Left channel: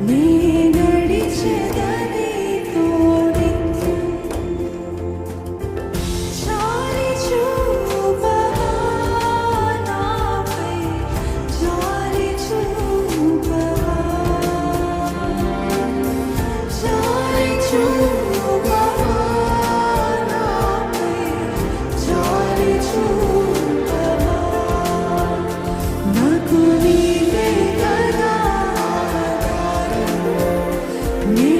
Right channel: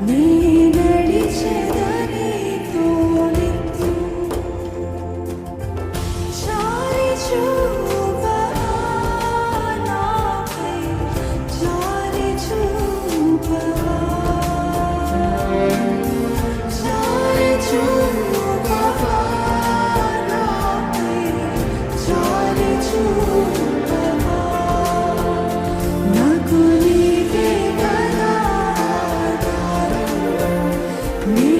నే నడిచెదనితో నిత్యం జాలి చూపవా నాపై జాలి చూపవా జాలి చూపవా నాపై జాలి చూపవా నాకు నీవే కదా ఆధారము నీ